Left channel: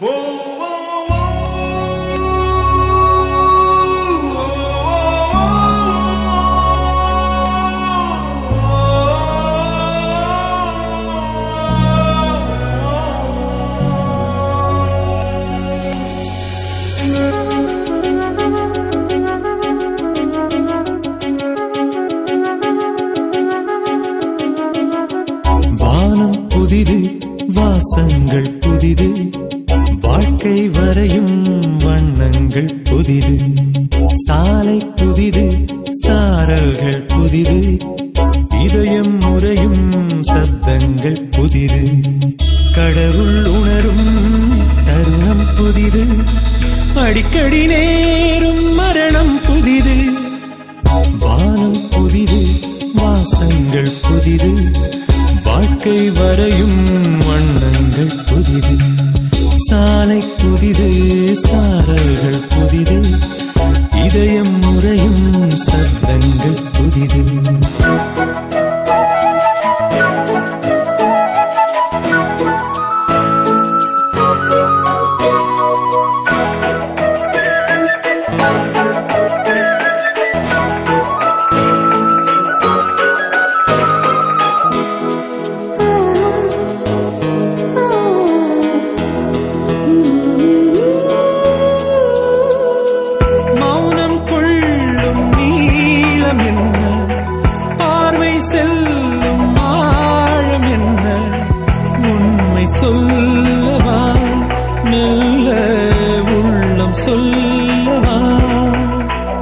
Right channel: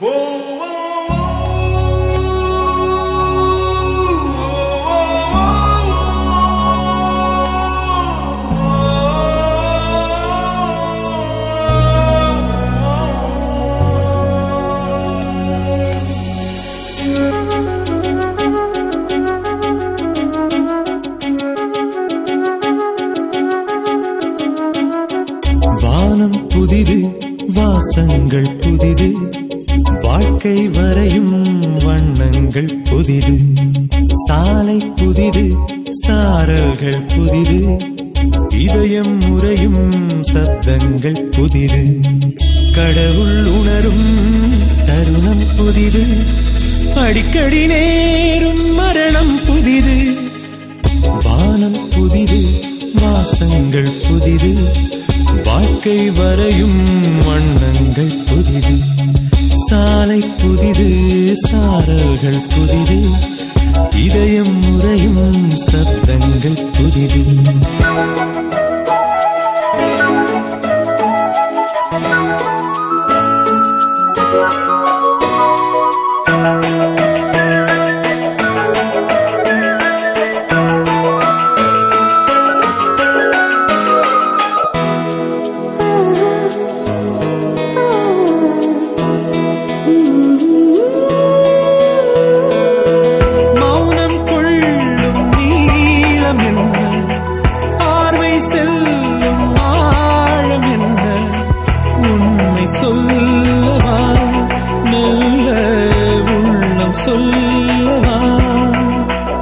வானம் புதிது, வாசங்கள் புதிது, வாழ்க்கை வரையும் வண்ணங்கள் புதிது. சாலை புதிது, சாரல்கள் புதிது, இதயம் முறையும் சப்தங்கள் புதிது. கடவுள் உணரும் தருணம் புதிது, அடிக்கடி நேரும் மரணம் புதிது. வானம் புதிது, வாசங்கள் புதிது, வாழ்க்கை வரையும் வண்ணங்கள் புதிது. சாலை புதிது, சாரல்கள் புதிது, இதயம் முறையும் சப்தங்கள் புதிது. சொல்லவா மெல்ல உள்ளம் சொல்லவா,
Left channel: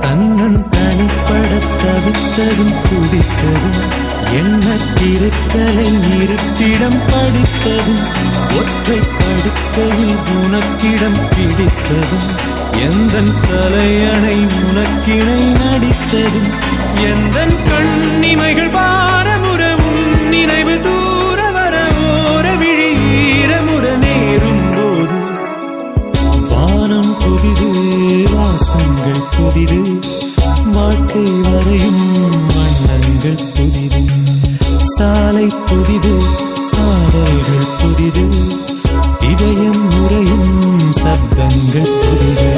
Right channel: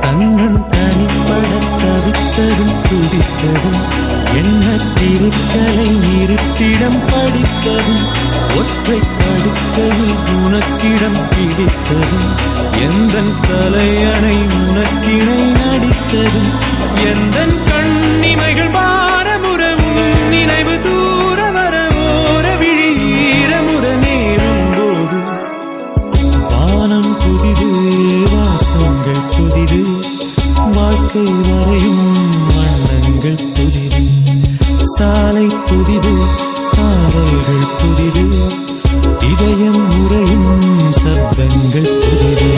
தன்னன் தனிப்பட தவித்ததும் துடித்ததும், என்ன திருக்கலை இருட்டிடம் படித்ததும், ஒற்றை படுக்கையில் உனக்கிடம் பிடித்ததும், எந்தன் தலையணை உனக்கிணை நடித்ததும், எந்தன் கண்ணிமைகள் பாரமுறவும் நினைவு தூர வர ஓர விழி ஈரமுற நேரும் போது. வானம் புதிது, வாசங்கள் புதிது, வாழ்க்கை வரையும் வண்ணங்கள் புதிது. சாலை புதிது, சாரல்கள் புதிது, இதயம் முறையும் சப்தங்கள் புதிது.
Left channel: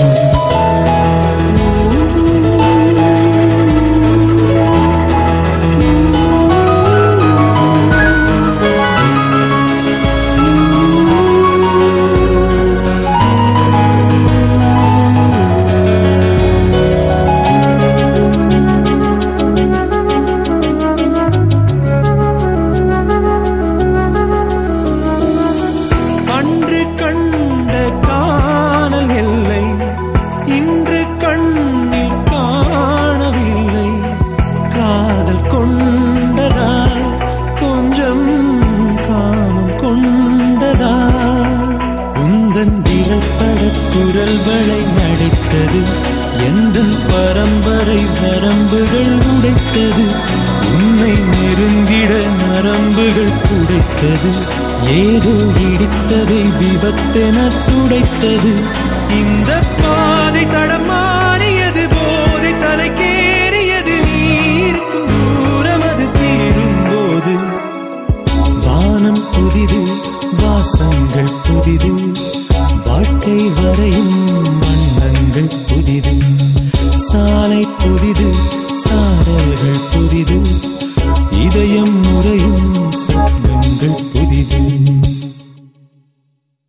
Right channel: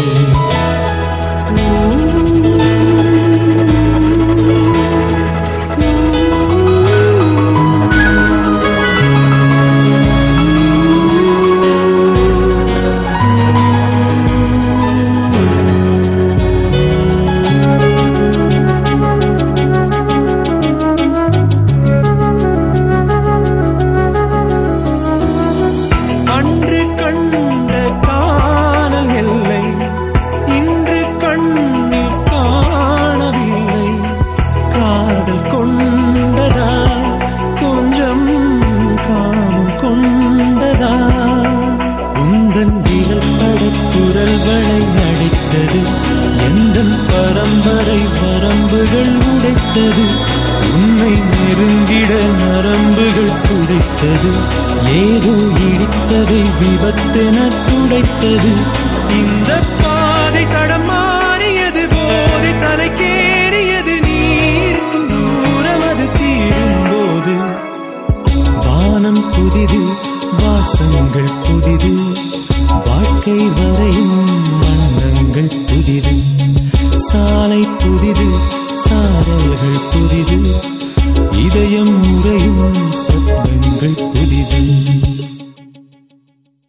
அன்று கண்ட காணல் எல்லை இன்று கண்ணில் காணவில்லை. காதல் கொண்டதா கொஞ்சம் காமம் கொண்டதா, உந்தன் விரல் பட குரல் வளை அடைத்தது, எந்தன் பரம்பரை வரம்புகள் உடைத்தது, உன்னை நெருங்கிட நரம்புகள் புடைத்தது, ஏதோ இடித்ததை விபத்தென துடைத்தது. இந்த பாதை தடம் மாறியது, போதை தலைக்கேறியது, நீ இருக்கும் தூரம் அது தீரும் போது. வானம் புதிது, வாசங்கள் புதிது, வாழ்க்கை வரையும் வண்ணங்கள் புதிது. சாலை புதிது, சாரல்கள் புதிது, இதயம் முறையும் சப்தங்கள் புதிது.